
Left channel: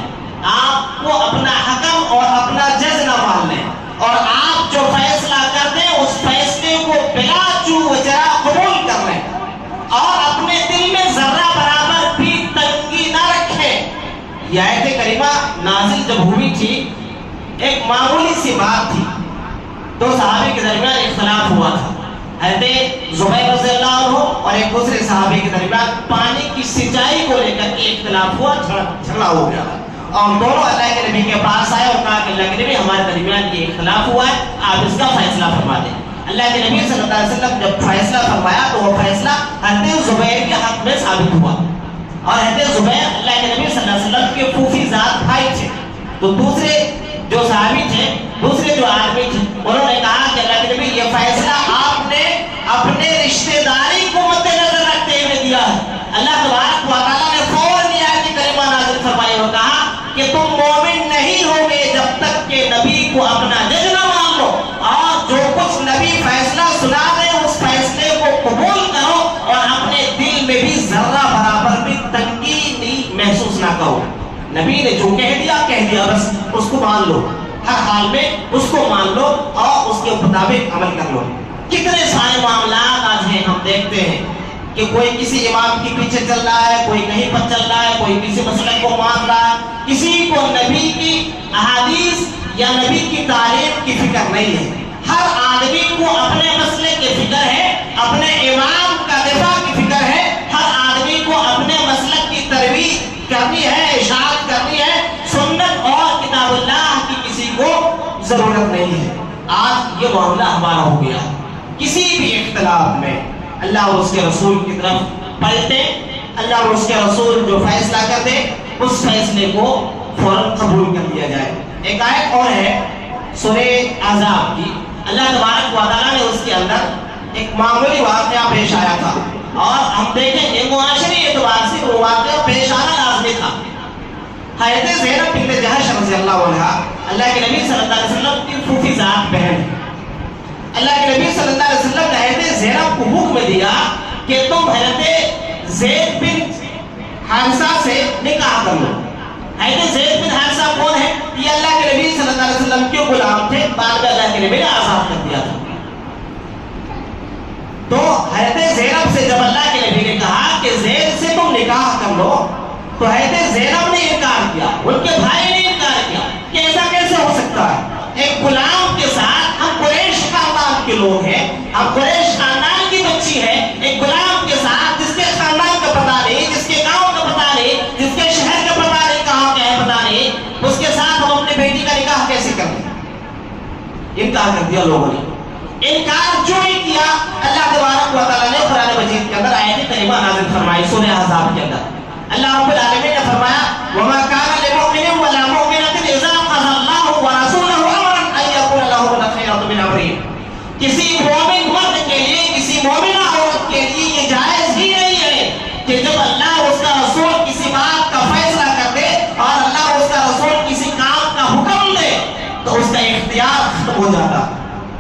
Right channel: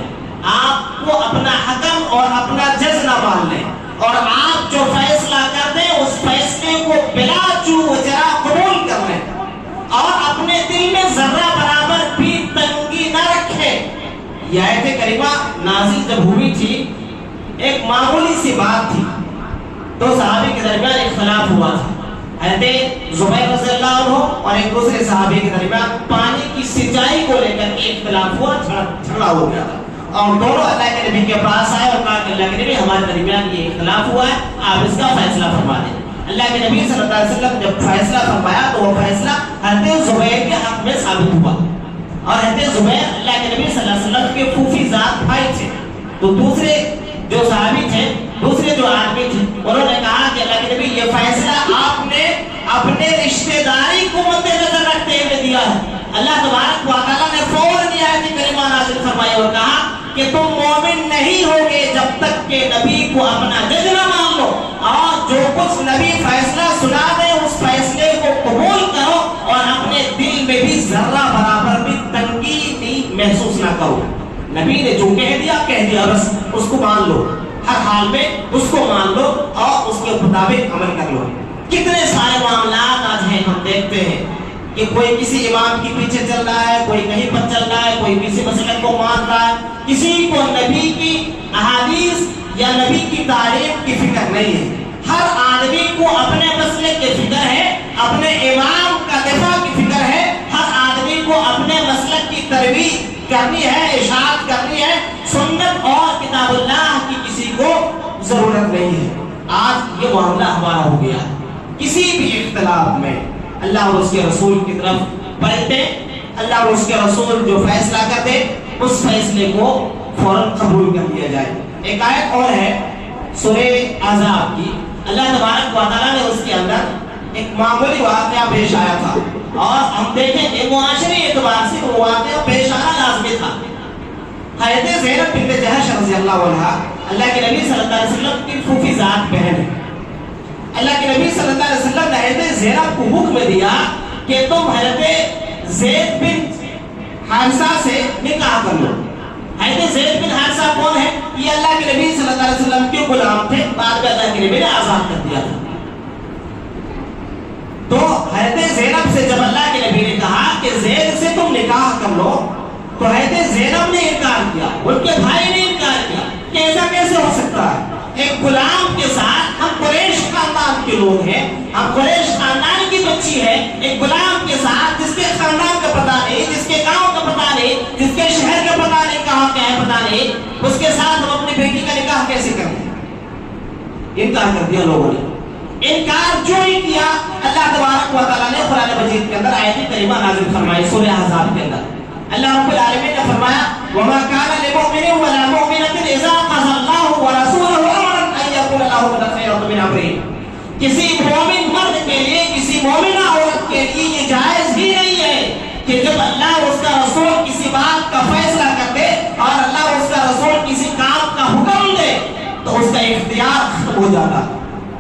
آپ کو اپنا حکم اور اپنا جج نہ مان لیں، اور آپ جو فیصلہ کر دیں اس فیصلے کو بلا چو و چرا قبول کر لیں اور اپنے دل میں ذرہ برابر بھی تنگی نہ رکھیں۔ یہ آیت کریمہ نازل جب ہوئی تھی ایک معمولی سی بات تھی، دو صحابی کے درمیان اختلاف ہوا تھا، حضرت زبیر رضی اللہ عنہ اور ایک دوسرے صحابی کے درمیان پانی کی سینچائی کو لے کر کے اختلاف ہوا، جھگڑا ہو گیا اور دونوں اللہ کے نبی کے پاس آئے اور کہا کہ اللہ کے نبی ہمارے درمیان یہ اختلاف ہوا ہے، آپ اس کا فیصلہ فرما دیں۔ اللہ کے نبی صلی اللہ علیہ وسلم جب فیصلہ فرمایا تو وہ فیصلہ حضرت زبیر کے حق میں ثابت ہوا، اور حضرت زبیر اللہ کے نبی صلی اللہ علیہ وسلم کے پھوپھی ذات بھائی تھے، تو دوسرے جو صحابی تھے، دوسرے جو آدمی تھے، انہوں نے کہا کہ اللہ کے نبی یہ فیصلہ آپ نے اپنے رشتہ داری کو مد نظر رکھتے ہوئے دیا ہے۔ اللہ تبارک و تعالیٰ نے فوراً یہ آیت کریمہ نازل فرمائی اور کہا کہ تم مومن نہیں ہوگے جب تک کہ نبی کو اپنا جج نہ مان لو، اور جو کچھ نبی فیصلہ سنا دے اس فیصلے کو قبول کرو اور اپنے دل میں بھی ذرہ برابر بھی تنگی محسوس نہ کرو۔ نبی نے جو کہہ دیا بس اس کو مان لو، ہر حال میں اس کو مان لو اور اس کے مطابق عمل کر لو۔ کتنے سارے معاملات آج ہیں ہم دیکھتے ہیں کہ کوئی کسی امام کے پیچھے چل رہا ہے، کوئی کہیں پر چل رہا ہے، کوئی کسی مسئلے کو مان رہا ہے، کسی کو نبی کی احادیث یا نبی کی تعلیم کی فکر نہیں ہے۔ ہر آدمی کو اپنے مسئلے کی فکر ہے، اپنے امام کا دفاع کی فکر ہے، ہر آدمی کو اپنے مسلک کی ترویج کرنی ہے، اشاعت کرنی ہے، سنت اور کتاب اللہ کی کسی کو ضرورت نہیں ہے۔ آج یہ معاملہ ہمارا ہو گیا، کسی بھی اختلاف میں اللہ اور اس کے رسول کی طرف پلٹے، اللہ اور اس کے رسول جو فیصلہ کر دے اس فیصلے کو فوراً قبول کر لیا جائے۔ ایک آیت اور ہے سورہ احزاب کی، اللہ تبارک و تعالیٰ نے اس کے اندر ایک معمولی واقعہ پیش آیا تھا، اور ہم دیکھیں کہ معاشرے اعتبار سے وہ واقعہ پیش آنا لازمی تھا۔ حضرت زینب بنت جہش رضی اللہ عنہا اللہ کے نبی صلی اللہ علیہ وسلم کی پھوپھی ذات بہن، اللہ کے نبی صلی اللہ علیہ وسلم نے حضرت زینب کو حکم دیا کہ تم حضرت زید بن حارثہ سے نکاح کر لو۔ حضرت زید بن حارثہ کون ہے؟ یہ اللہ کے نبی صلی اللہ علیہ وسلم کے غلام تھے، بعد میں اللہ کے نبی نے آزاد کر دیا تھا۔ تو حضرت زینب سے جب اللہ کے نبی نے کہا کہ زید سے تم نکاح کر لو تو حضرت زینب نے انکار کیا، ان کے بھائی نے انکار کیا کہ ایسا کیسے ہو سکتا ہے؟ ایک غلام کے ساتھ، ہم قریش خاندان کے لوگ ہیں، ہم قریش خاندان کی بچی ہے، ایک غلام کے ساتھ جس کے خاندان کا پتہ نہیں، جس کے گاؤں کا پتہ نہیں، جس کے شہر کا پتہ نہیں، کہاں کیا ہے پتہ نہیں، اس کے ساتھ ہم اپنی بیٹی کا نکاح کیسے کر دیں؟ انکار کر دیا لوگوں نے۔ انکار جو ہی کیا اللہ تبارک و تعالیٰ نے قرآن مجید کے اندر آیت کریمہ نازل فرمائی سورہ احزاب کے اندر۔ اللہ رب العالمین نے فرمایا وَمَا كَانَ لِمُؤْمِنٍ وَلَا مُؤْمِنَةٍ إِذَا قَضَى اللَّهُ وَرَسُولُهُ أَمْرًا أَن يَكُونَ لَهُمُ الْخِيَرَةُ مِنْ أَمْرِهِمْ۔ کسی مومن مرد کے لیے، کسی مومنہ عورت کے لیے یہ جائز ہی نہیں ہے کہ جب اللہ اور اس کا رسول کسی بات کا فیصلہ کر دے اور اللہ اور اس کا رسول کسی کام کا حکم دے تو اس کا اختیار ختم ہو جاتا۔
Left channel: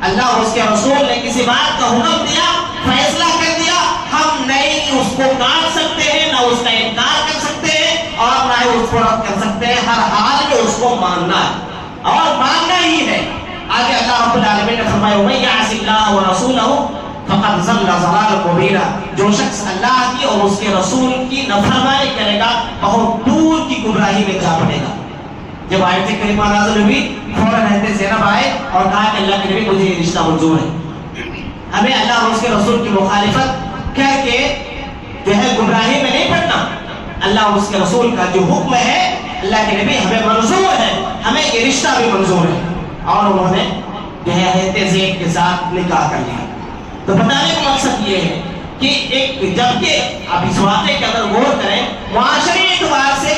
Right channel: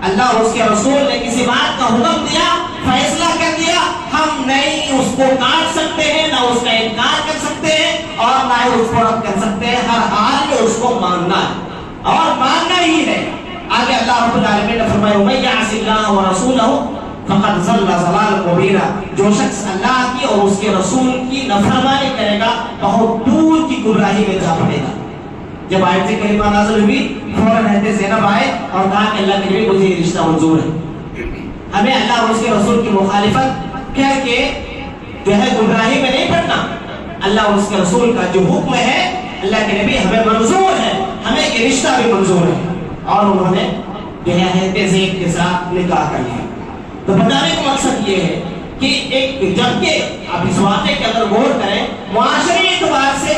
اللہ اور اس کے رسول نے کسی بات کا حکم دیا، فیصلہ کر دیا، ہم نہیں اس کو کاٹ سکتے ہیں، نہ اس کا انکار کر سکتے ہیں، اور نہ ہی اس کو رد کر سکتے ہیں. ہر حال میں اس کو ماننا ہے اور ماننا ہی ہے. آگے اللہ رب العالمین نے فرمایا وَمَن يَعْصِ اللَّهَ وَرَسُولَهُ فقط ضل ضلالا مبینا. جو شخص اللہ کی اور اس کے رسول کی نافرمانی کرے گا بہت دور کی گمراہی میں جا پڑے گا. جب آیت کریمہ نازل ہوئی فوراً حضرت زینب آئے اور کہا کہ اللہ کے نبی مجھے یہ رشتہ منظور ہے. ہمیں اللہ اور اس کے رسول کی مخالفت کر کے جو ہے گمراہی میں نہیں پڑنا. اللہ اور اس کے رسول کا جو حکم ہے اللہ کے نبی ہمیں منظور ہے, ہمیں یہ رشتہ بھی منظور ہے. اور انہوں نے جو ہے حضرت زید کے ساتھ نکاح کر لیا. تو بتانے کا مقصد یہ ہے کہ ایک جبکہ آپ اس واقعے کے اندر غور کریں معاشرے اعتبار سے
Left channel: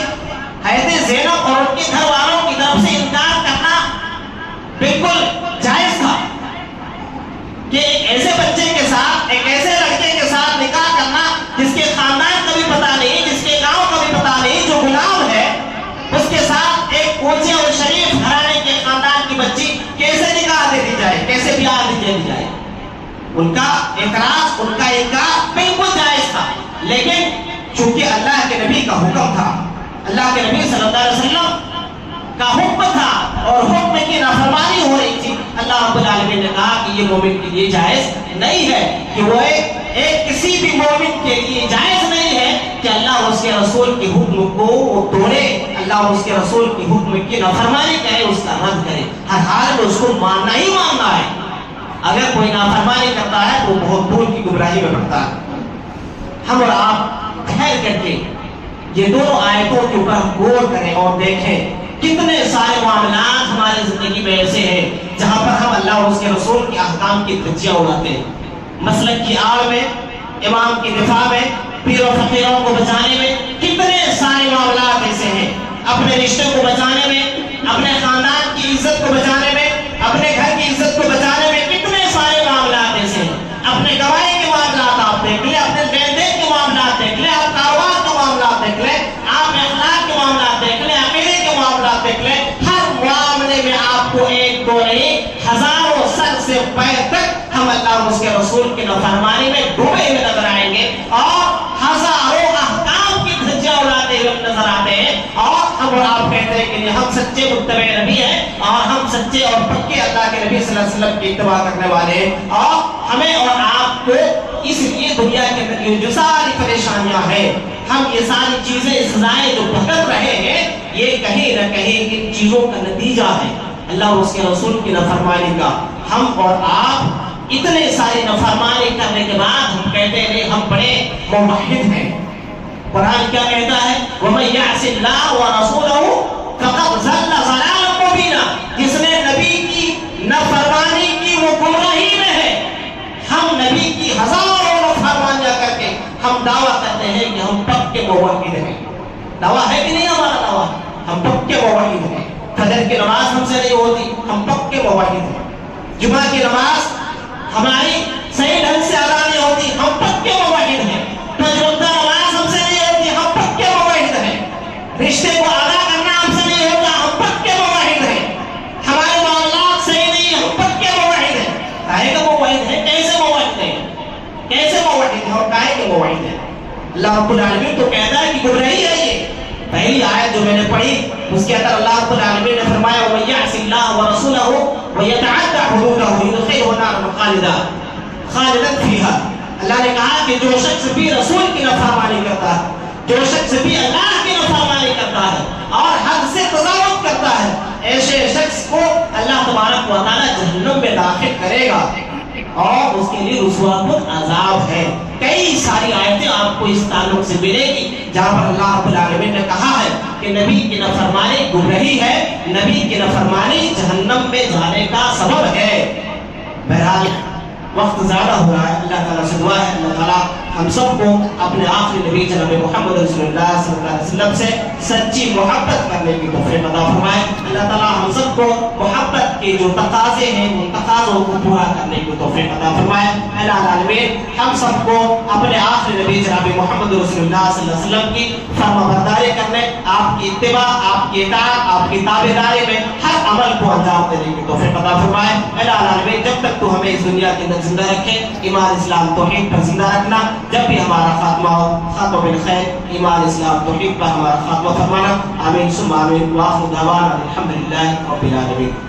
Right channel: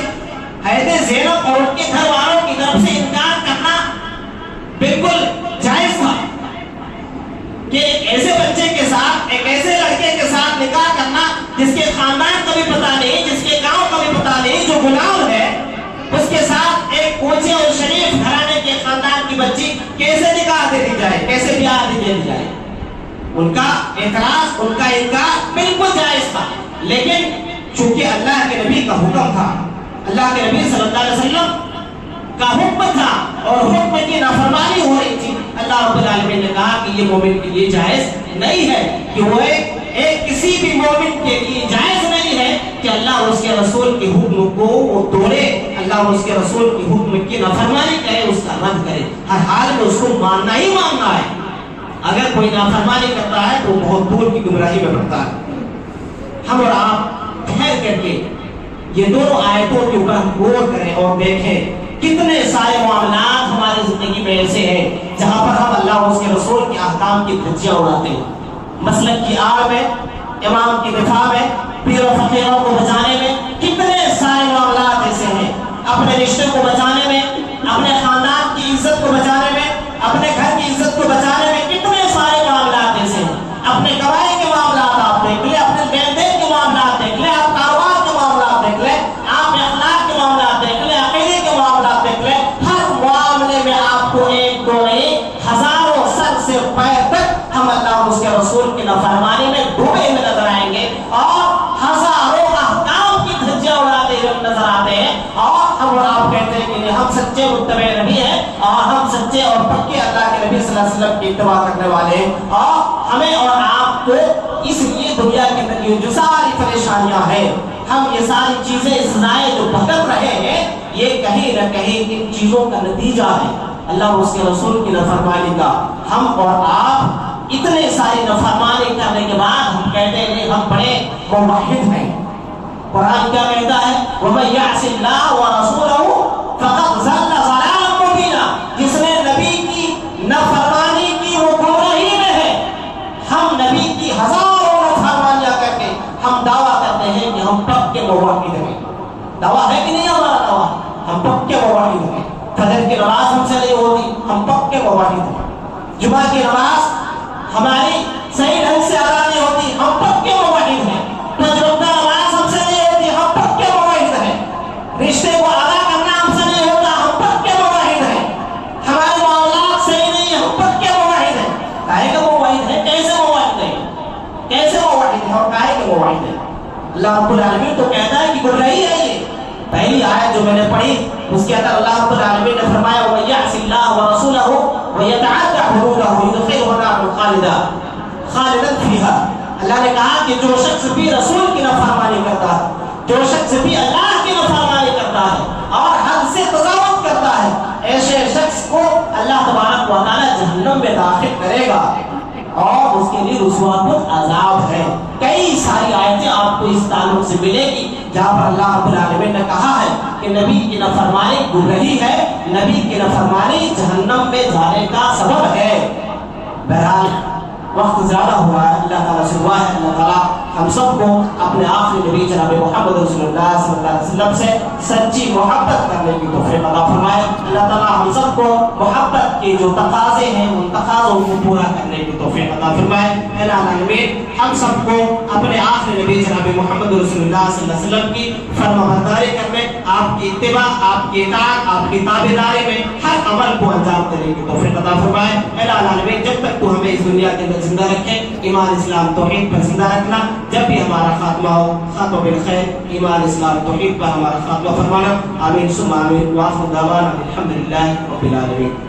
حضرت زینب اور ان کے گھر والوں کی طرف سے انکار کرنا بالکل جائز تھا کہ ایک ایسے بچے کے ساتھ ایک ایسے لڑکے کے ساتھ نکاح کرنا جس کے خاندان کا بھی پتہ نہیں, جس کے گاؤں کا بھی پتہ نہیں, جو غلام ہے اس کے ساتھ ایک اونچے اور شریف گھرانے کے خاندان کی بچی کیسے نکاح دے دی جائے, کیسے بیاہ دے دی جائے. ان کا اعتراض, ان کا انکار بالکل جائز تھا. لیکن چونکہ اللہ کے نبی کا حکم تھا, اللہ کے نبی صلی اللہ علیہ وسلم کا حکم تھا اور حکم کی نافرمانی ہو رہی تھی, اللہ رب العالمین نے کہا کہ یہ مومن کے لیے جائز نہیں ہے کہ وہ ایک کسی بھی مومن کے لیے جائز نہیں ہے کہ اللہ اور اس کے رسول کے حکم کو وہ توڑے, اللہ اور اس کے رسول کے حکم کی نافرمانی کرے, اس کا رد کرے. ہر حال میں اس کو ماننا ہی ماننا ہے. اگر کوئی نافرمانی کرتا ہے تو بہت دور کی گمراہی میں پڑتا ہے. ہم اور آپ ٹھہر کر کے یہ دونوں آیتوں کے اوپر غور کریں اور دیکھیں کتنے سارے معاملات ہمارے زندگی میں ایسے ہیں جہاں پر ہم اللہ اور اس کے رسول کے احکام کی دھجیاں اڑاتے ہیں. مسلک کی آڑ میں, امام کی دفاع میں, پیر و فقیروں کو بچانے میں کتنے سارے معاملات ایسے ہیں. اپنے رشتے کو بچانے میں, اپنے خاندان کی عزت کو بچانے میں, اپنے گھر کی عزت کو بچانے میں کتنے سارے معاملات ایسے ہیں. اپنے کمائی کے معاملات آپ دیکھ لیں, اپنے لین دین کے معاملات دیکھ لیں, آپ کاروبار کے معاملات دیکھ لیں, آپ اخلاق کے معاملات دیکھ لیں, عقیدے کے معاملات دیکھ لیں. ہر معاملے میں آپ کو ایک دو نہیں ہزاروں سر سے پیر تک ہم اللہ اور اس کے رسول کی نافرمانی میں ڈوبے ہوئے نظر آئیں گے اور ہزاروں احکام کی دھجیاں اڑاتے ہوئے نظر آتے ہیں. اور ہم اور آپ کہتے ہیں کہ ہم سچے متبع نبی ہیں اور ہم سچے اور پکے اللہ کے نبی صلی اللہ علیہ وسلم کی اتباع کرنے والے ہیں. اور ہمیں اور آپ کو اس لیے دنیا کے اندر جو ساری پریشانیاں ہیں, ہم یہ ساری چیزیں سزائیں جو بھگت رہے ہیں, یہ کہیں نہ کہیں ان چیزوں کا نتیجہ ہے اللہ اور اس کے رسول کی نافرمانی کا. ہم اور آپ اتنے سارے نافرمانی کرنے کے بعد ہم کہتے ہیں ہم بڑے موحد ہیں. قرآن کیا کہتا ہے وَمَن يَعْصِ اللَّهَ وَرَسُولَهُ فَقَدْ ضَلَّ ضَلَالًا مُبِينًا. جس نے نبی کی نافرمانی کی وہ گمراہی میں ہے. ہم نبی کی ہزاروں نافرمانیاں کر کے ہم دعویٰ کرتے ہیں کہ ہم پکے موحد ہیں. دعویٰ ہے کہ نہیں ہمارا دعویٰ؟ ہم پکے موحد ہیں. فجر کی نماز ہم سے نہیں ہوتی, ہم پکے موحد ہیں. جمعہ کی نماز ہماری صحیح ڈھنگ سے ادا نہیں ہوتی, ہم پکے موحد ہیں. تجربہ نماز ہم سے نہیں ہوتی, ہم پکے موحد ہیں. رشتے کو ادا کرنا ہم سے نہیں ہوتا, ہم پکے موحد ہیں. ہمارے معاملات صحیح نہیں, ہم پکے موحد ہیں. کاہے کا موحد ہے, کیسے موحد ہے, کیسے موحد ہے اور کاہے کے موحد ہے؟ اللہ رب العالمین تو کہتا ہے کہ گمراہی ہے. یہ پہلی آیت جو میں نے پڑھی اس کے اندر اللہ رب العالمین نے فرمایا وَمَن يَعْصِ اللَّهَ وَرَسُولَهُ وَيَتَعَدَّ حُدُودَهُ يُدْخِلْهُ نَارًا خَالِدًا فِيهَا. اللہ نے کہا کہ جو شخص بھی رسول کی نافرمانی کرتا ہے, جو شخص بھی اللہ کی نافرمانی کرتا ہے اور حد سے تجاوز کرتا ہے, ایسے شخص کو اللہ تبارک و تعالی جہنم میں داخل کرے گا اور اس کے لیے رسوا کن عذاب ہے. کئی ساری آیتیں آپ کو اس تعلق سے ملے گی جہاں پر اللہ رب العالمین نے کہا ہے کہ نبی کی نافرمانی گمراہی ہے, نبی کی نافرمانی جہنم میں جانے کا سبب ہے. بہرحال وقت زیادہ ہو رہا ہے, اللہ تعالیٰ سے دعا ہے اللہ تعالیٰ ہم سب کو اپنے آخری نبی جناب محمد رسول اللہ صلی اللہ علیہ وسلم سے سچی محبت کرنے کی توفیق عطا فرمائے. اللہ تعالیٰ ہم سب کو محبت کے جو تقاضے ہیں ان تقاضوں کو پورا کرنے کی توفیق عطا فرمائے. اے العالمین ہم سب کو اپنے آخری نبی جناب محمد رسول اللہ صلی اللہ علیہ وسلم کی فرما برداری کرنے, آپ کی اتباع, آپ کی اطاعت, آپ کی تابعداری میں ہر عمل کو انجام دینے کی توفیق عطا فرمائے. اے العالمین جب تک تو ہمیں اس دنیا کے اندر زندہ رکھے, ایمان اسلام توحید پر زندہ رکھنا, جب بھی ہمارا خاتمہ ہو خاتمہ بالخیر ایمان اسلام توحید پر ہمارا خاتمہ فرمانا. آمین ثم آمین. وآخر دعوانا الحمدللہ رب العالمین.